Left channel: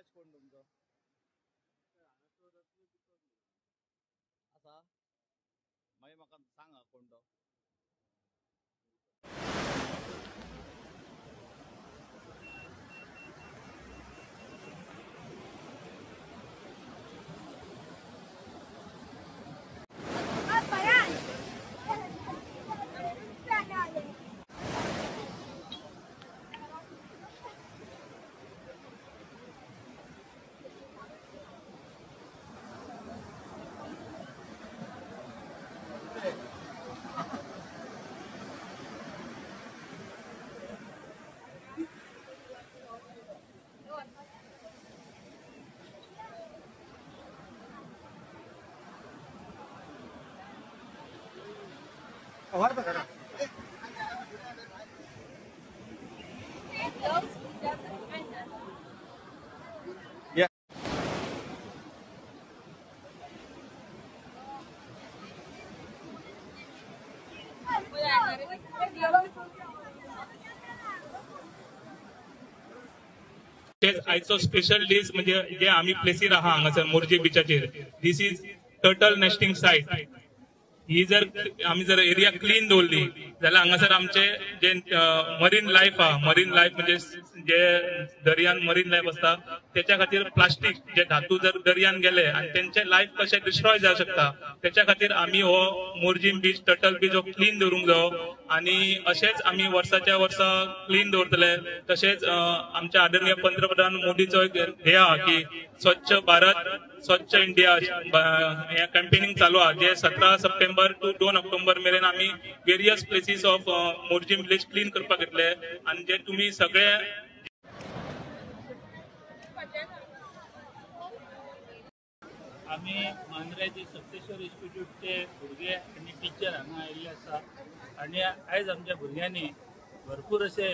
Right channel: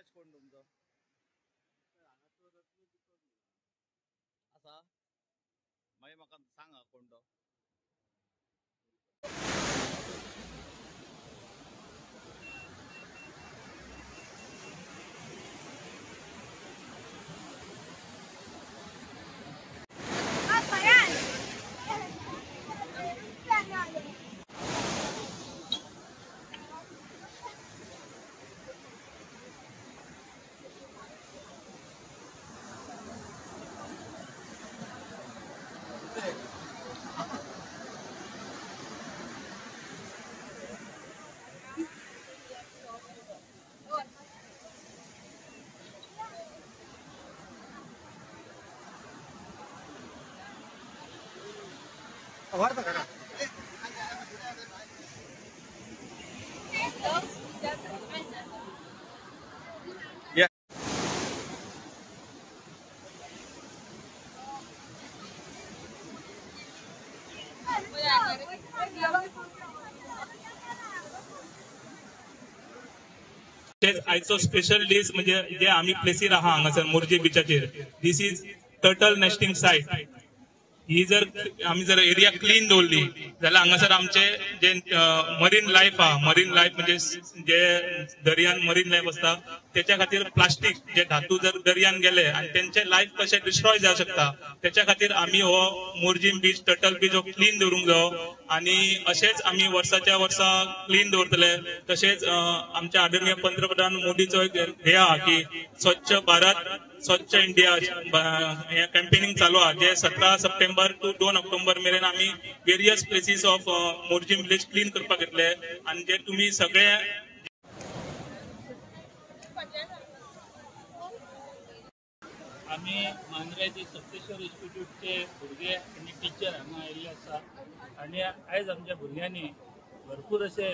in charge कोण तुमचो आसा मागीर म्हाका सांगा कोण तो आयचो स्पेशल डेज म्हणजे जे आम्ही प्लेसीर आहा हांगासर मोरजे बीचाचेर दिस इज टर्टल नेस्टिंग साइट ही जर आम्ही जर एरिया क्लीन दवरली जाल्यार हांगासर आमचे जे मरीन लायफ आहा मरीन लायफ म्हणजे जे दर्यान मरीन लायफ असता त्याच्या खातीर प्लास्टिक जे धातू जर दर्यान गेले आणि त्यांचे लायफ कशें डिस्ट्रॉय जावं शकता त्याच्या खातीर आम्ही हो मोरजीम बीच टर्टल बीच हो क्लीन दवरूंक जायो आणि अशेंच आम्ही वर्साच्या वर्सा क्लीन दवरतले तशेंच आमच्या आदरणीय पंतप्रधान मोदीचो एक ध्येय आहा की स्वच्छ भारत स्वच्छ इंडिया हे कॅम्पेनिंग चालू आहे जे 17 सप्टेंबर टू 2 ऑक्टोबर मेरेन आम्ही various places of Morjim village clean करपाक येतले आणि जे तुम्ही सगळे आम्ही मांद्र्याचे सप्तेश्वर इन्स्टिट्यूटचे भुरगे आणि टीचर हांगा आयिल्ले आसा आणि आयज आमच्या भुरग्यांनी भरपूर असे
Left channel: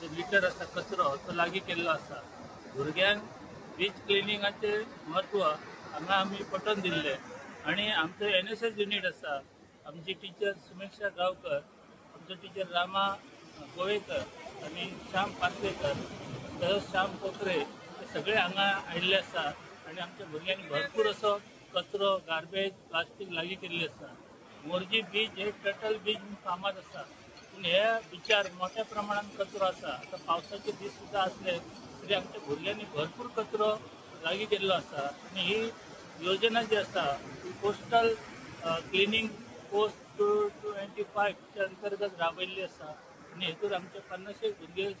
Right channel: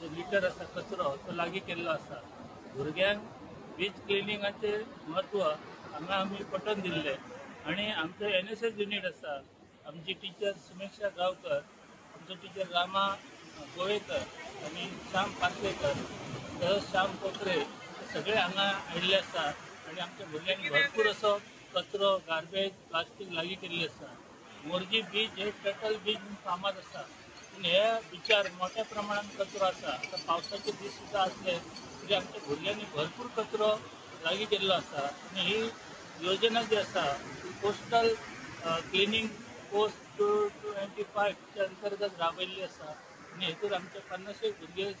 जो लिटर आसा कचरो तो लागीं केल्लो आसा भुरग्यांक बीच क्लिनिंगाचे म्हत्व हांगा आमी पटोवन दिल्ले आणि आमचो NSS युनिट आसा आमची टीचर सुमेक्षा गांवकर आमचो टीचर रामा गोवेकर आणि श्याम पार्सेकर तसंच श्याम पोत्रे हे सगळे हांगा आयिल्ले आसा आणि आमच्या भुरग्यांनी भरपूर असो कचरो गार्बेज प्लास्टीक लागीं केल्ली आसा मोरजी बीच हे टर्टल बीच म्हणून फामाद आसा पूण ह्या बिचार मोठ्या प्रमाणात कचरो आसा आता पावसाचे दीस सुद्दां असले तरी आमच्या भुरग्यांनी भरपूर कचरो लागीं केल्लो आसा आणि ही योजना जी आसा ती कोस्टल क्लिनिंग पोस्ट 25 च्या अंतर्गत राबयल्ली आसा आणि हेतून आमचे 50 भुरगे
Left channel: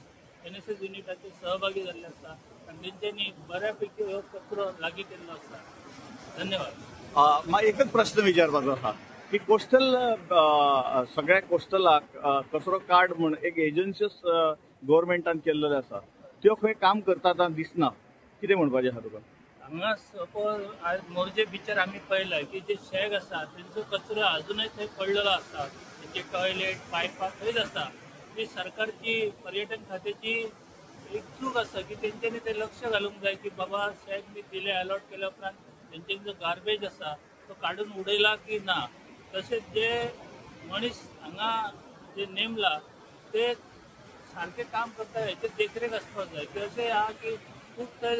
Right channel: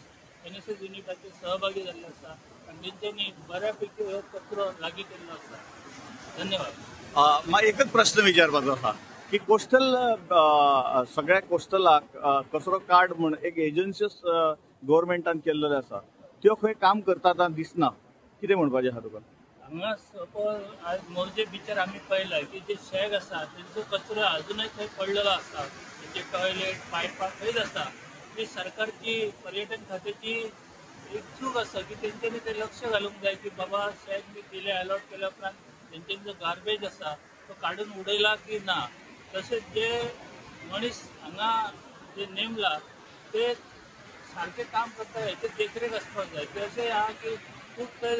NSS युनिटाचे सहभागी जाल्ले आसा आणि तेंच्यांनी बऱ्यापैकी हो कचरो लागीं केल्लो आसा धन्यवाद म्हाका एकच प्रश्न विचारपाचो आहा की कोस्टल सगळ्या कोस्टलाक कचरो कार्ड म्हण एक एजन्सीज गव्हर्मेंटान केल्लेले आसा त्यो खंय काम करता दिसना कितें म्हणपाचें आहा तुका हांगा सपोज आज मोरजे बिचार आमी पळयला की जे शेग आसा तेंचो कचरो अजूनय थंय पडलेलो आसा तेंचे टॉयलेट पायपां थंयच आसा ती सरकारची पर्यटन खात्याची एक चूक आसा की तेंच्यांनी ते लक्ष घालूंक जाय की बाबा शेग बी दिले अलॉट केल्या उपरांत तेंच्यांनी जो गार्बेज आसा तो काडून उडयला की ना तशेंच जे मनीस हांगा जे नेमला ते सारकें काम करता हेचे देखरेख आसपाक जाय ते अशें आहा की खूब ते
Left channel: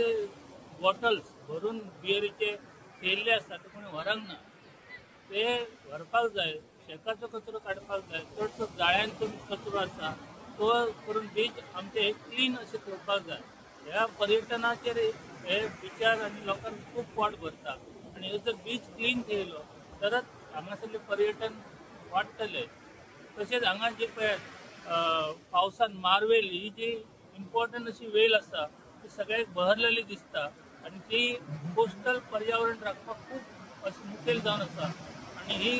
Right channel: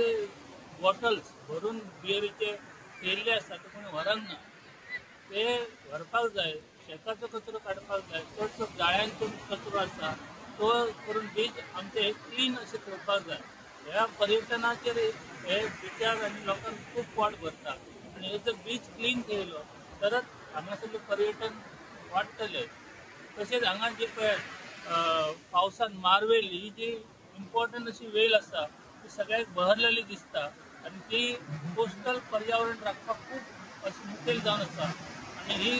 बॉटल्स भरून बियरीचे थेयल्ले आसा ते कोणी व्हरंक ना ते व्हरपाक जाय शेकाचो कचरो काडपाक जाय चडसो जाळ्यांचो कचरो आसा तो करून बीच आमचे हे क्लीन अशें ठेवपाक जाय ह्या पर्यटनाचेर हे बिचार आनी लोकांक खूब पोट भरता आनी हे जर बीच क्लीन केलो तरच हांगासरलें पर्यटन वाडटलें तशेंच हांगा जे पळय पावसान मार्वेल ही जी इम्पॉर्टंट अशी वेल आसा ती सगळ्याक बहरलेली दिसता आनी ती कोस्टल पर्यावरण राखपाक खूब अशी मुखेल जावन आसा आनी ही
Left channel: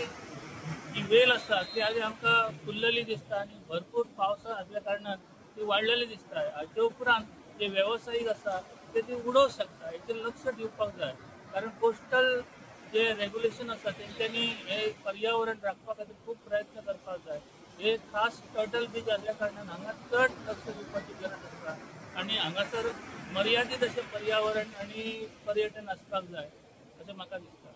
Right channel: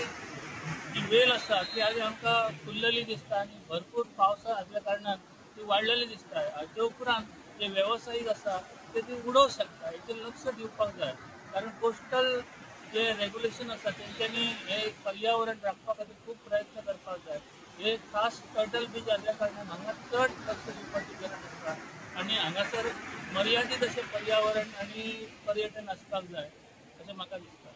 जी वेल आसा ती आनी आमकां फुल्लली दिसता आनी भरपूर पावसा आसल्या कारणान ती वाडलेली दिसता हाचे उपरांत जे वेवसायीक आसा ते ती उडोवंक शकता हेचेर लक्ष दिवपाक जाय कारण कोस्टल जे रेग्युलेशन आसा तेंच्यांनी हे पर्यावरण राखपा खातीर खूब प्रयत्न करपाक जाय हे खास टर्टल बीच आसल्या कारणान हांगा चड लक्ष दिवपाची गरज आसा आनी हांगासर मर्यादीत अशें पर्यावरण आनी पर्यटन आसपाक जाय अशें म्हाका दिसता